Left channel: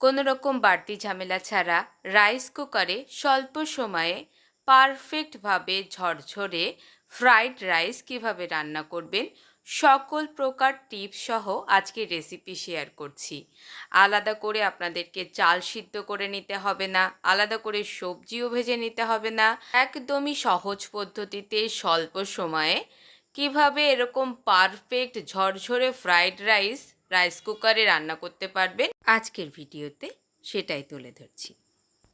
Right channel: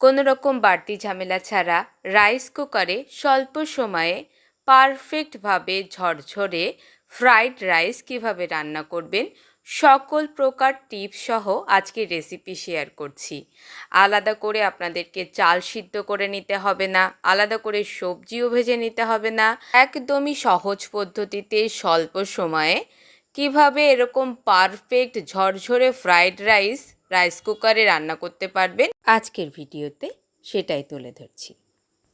কোনো রকম বাড়তি ঝামেলা ছাড়া রাইস কুকারে স্বল্প সময়ে পারফেক্টভাবে ঝরঝরে ফ্রাইড রাইস কিভাবে রান্না করবেন সকল প্রকার টিপস সহ আজকে রেসিপি শেয়ার করছি। আলাদা করে আপনাদেরকে চাল সিদ্ধ করে নিতে হবে না, আলাদা করে সবজিও ভেজে নিতে হবে না। একদমই সহজ পদ্ধতিতে স্বল্প সময়ে কিভাবে এরকম পারফেক্ট ঝরঝরে ফ্রাইড রাইস কুকারে রান্না করতে পারবেন আজকের ভিডিওতে সেটাই তুলে ধরছি।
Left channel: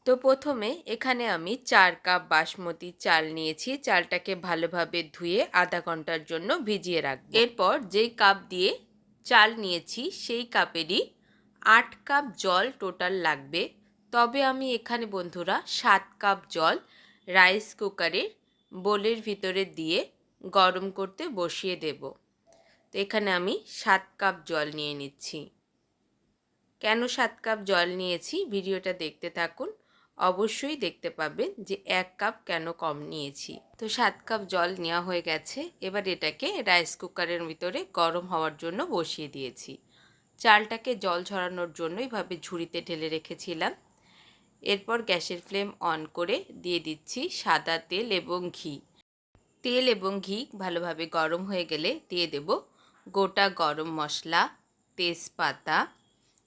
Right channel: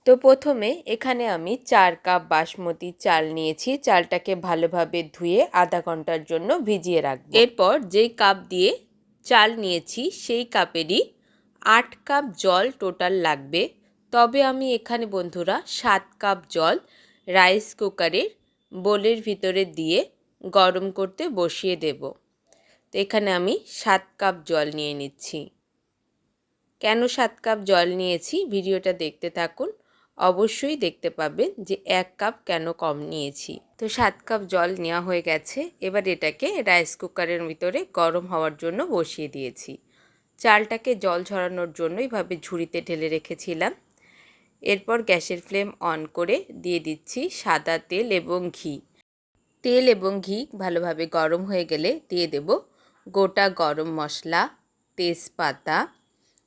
তো প্রথমে এখানে আমি 4 কাপ বাসমতি চাল নিয়েছি। চালটাকে ভালোভাবে ধুয়ে আধা ঘন্টার জন্য ভিজিয়ে রাখবো। এরপর যেই কাপ দিয়ে চাল নিয়েছি সেই কাপেরই 8 কাপ জল টোটাল লাগবে। তবে আমি এখানে বন্ধুরা 7 কাপ জল রাইস কুকারের বোলের ভিতরে দিয়ে গরম করতে বসিয়ে দেব। তো এখানে আমি 7 কাপ জল নিয়ে নিচ্ছি। কেন 7 কাপ জল নিয়েছি ভিডিওটা দেখতে থাকুন, অবশ্যই দেখতে পাবেন যে 1 কাপ কেন কম নিয়েছি। তো 7 কাপ জল নেওয়া হয়ে গেছে। এবার এটাকে রাইস কুকারের ভিতরে গরম হওয়ার জন্য বসিয়ে দিয়েছি। চালটাকে জল ঝরানোর জন্য এইভাবে ঝুড়িতে ঢেলে রেখেছিলাম। এরপর গ্যাসের ফ্লেম অন করে দিয়ে দিচ্ছি সাদা তেল এবং ঘি। তেল এবং ঘি ভালোভাবে গরম হয়ে গেলে দিয়ে দেব গোটা গরম মশলা, তেজপাতা,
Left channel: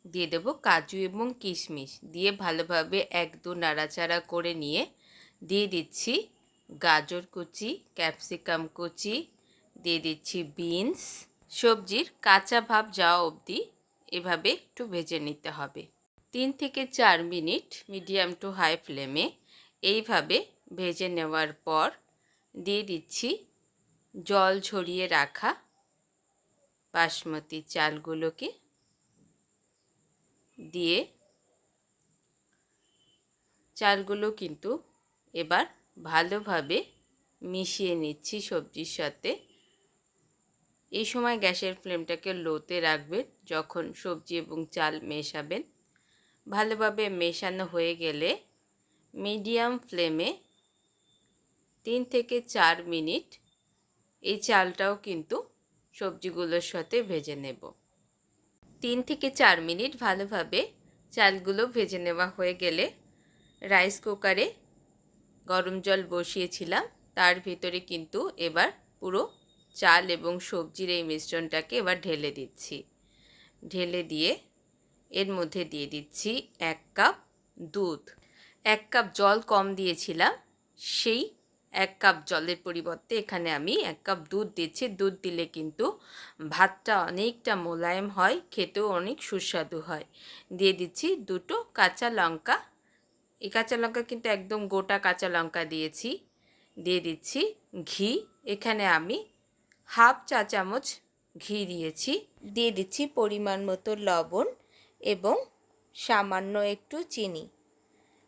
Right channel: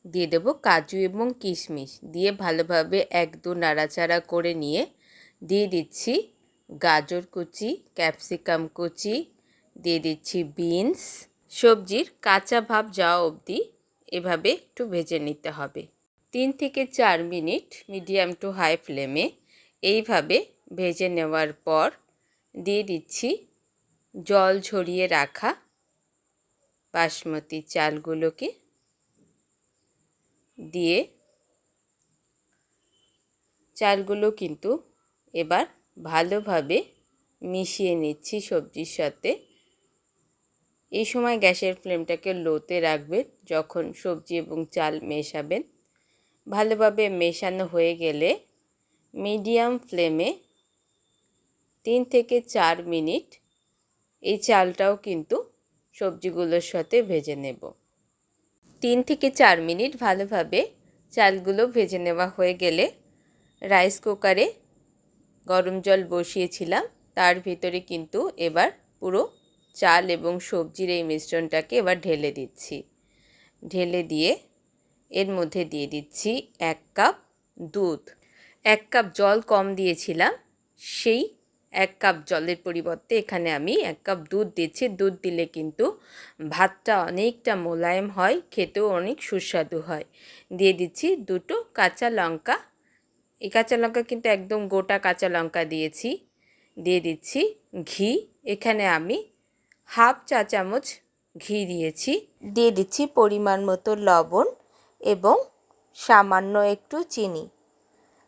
দিয়ে দেব কাজু এবং কিশমিশ, দিয়ে ভালোভাবে 1-2 নাড়াচাড়া করে নিয়ে দিয়ে দিচ্ছি গাজর কুচি, ক্যাপসিকাম কুচি, দিয়ে দিচ্ছি বিনস। সবজির কাঁচা ভাব যাওয়া অবধি এভাবে একটু ভেজে নিতে হবে। 3 থেকে 4 মিনিট মিডিয়াম টু হাই ফ্লেমে এইভাবে ভেজে নেওয়ার পর দিয়ে দিচ্ছি জল ঝরিয়ে রাখা বাসমতি চালগুলোকে, দিয়ে চালগুলো কিন্তু এবার ভালোভাবে মিশিয়ে নিচ্ছি সবজির সাথে। এই সময় গ্যাসের ফ্লেমটাকে লোতে রাখবেন যখন সবজি এবং চাল মেশাবেন। ভালোভাবে মেশানো হয়ে গেলে মিডিয়াম ফ্লেমে 3 থেকে 4 মিনিট এই চালটাও কিন্তু সবজিগুলোর সাথে ভেজে নেব। 3 থেকে 4 মিনিট ভালোভাবে চালগুলো ভেজে নেওয়া হয়ে গেলে রাইস কুকারে গরম জল বসিয়েছিলাম, তার ভিতরে কিন্তু এবার পুরো চাল এবং সবজির এই মিশ্রণটাকে এবার ঢেলে দিচ্ছি। ঢেলে দিয়ে এর মধ্যে দিয়ে দিচ্ছি 1 কাপ দুধ। 1 কাপ জল কম দিয়েছিলাম, সেই 1 কাপ জলের পরিবর্তে এখানে আমি 1 কাপ দুধ দিচ্ছি। দুধ দিলে কিন্তু ভাতটা অনেকটা মোলায়েম হয়, খেতেও অনেক সুস্বাদু হয়। দিয়ে দিচ্ছি 2টো কাঁচা লঙ্কা। এই কাঁচা লঙ্কা কিন্তু একদম গোটা কাঁচা লঙ্কা দিয়েছি। দিয়ে দিচ্ছি ঘি। এখানে আমি হাফ চা চামচ ঘি দিয়েছি। দিয়ে দিচ্ছি পরিমাণ মতো লবণ এবং সামান্য একটু চিনি।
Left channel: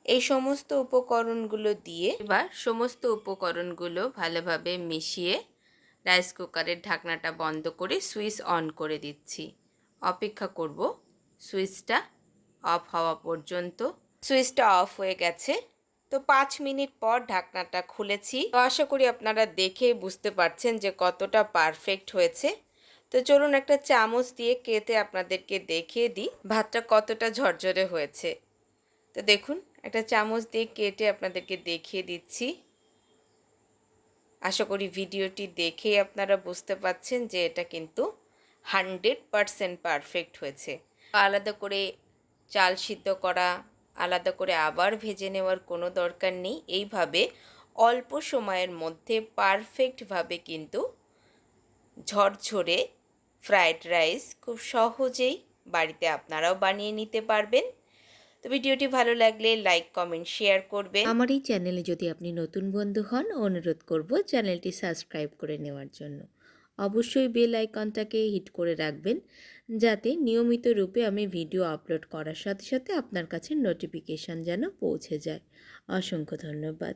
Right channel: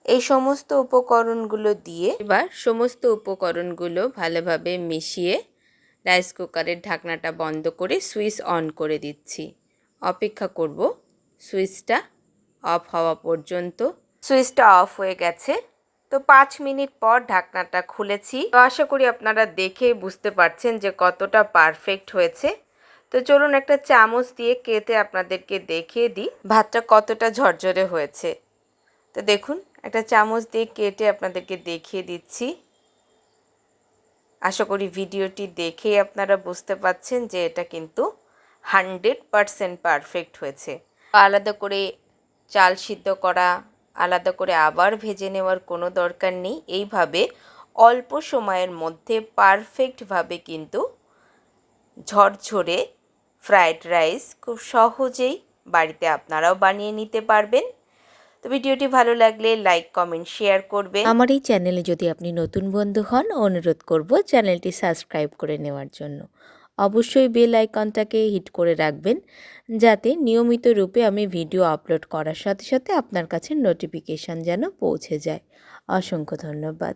এই সমস্ত উপকরণগুলো দিয়ে এবার সমস্ত উপকরণগুলো ভালোভাবে মিশিয়ে রাইস কুকারের ঢাকনাটা বন্ধ করে সুইচ অন করে দিচ্ছি। অপেক্ষা করব সুইচটা অফ হওয়া পর্যন্ত। সুইচটা অফ হয়ে গেছে। তো 5 মিনিট পর ঢাকনাটা খুলেছি। তো আশা করি আপনারা দেখেই বুঝতে পারছেন যে কতটা পারফেক্ট হয়েছে। তো চলুন একটা চামচ দিয়ে কেটে আপনাদেরকে দেখিয়ে দিই ভাতটা কতটা ঝরঝরে হয়েছে। তো দেখুন একটা চামচ দিয়ে কেটে আপনাদেরকে দেখিয়ে দিচ্ছি। আশা করি ভিডিওটি দেখেই আপনারা বুঝতে পারছেন যে এটা কিন্তু 100% পারফেক্ট হয়েছে। আলাদা করে চাল সিদ্ধ করা, আলাদা করে আবার ভেজে নেওয়ার কোনো দরকার নেই। এইভাবে অল্প সময়ের মধ্যে পারফেক্টভাবে কিন্তু ঝরঝরে ফ্রাইড রাইস খুব সহজেই বাড়িতে আপনারাও বানিয়ে নিতে পারবেন। তো ভিডিওটি ভালো লাগলে লাইক, কমেন্ট, শেয়ার করবেন। আমার এই চ্যানেলে যদি আপনি নতুন বন্ধু হন, অনুরোধ করব চ্যানেলটি সাবস্ক্রাইব করে নেওয়ার জন্য। অবশ্যই বেল আইকনটাকে হিট করে রাখবেন যাতে নিয়মিত রূপে আমি ভিডিও আপলোড করার সাথে সাথে আপনার কাছে নোটিফিকেশান যেন পৌঁছে যায়। অসংখ্য ধন্যবাদ।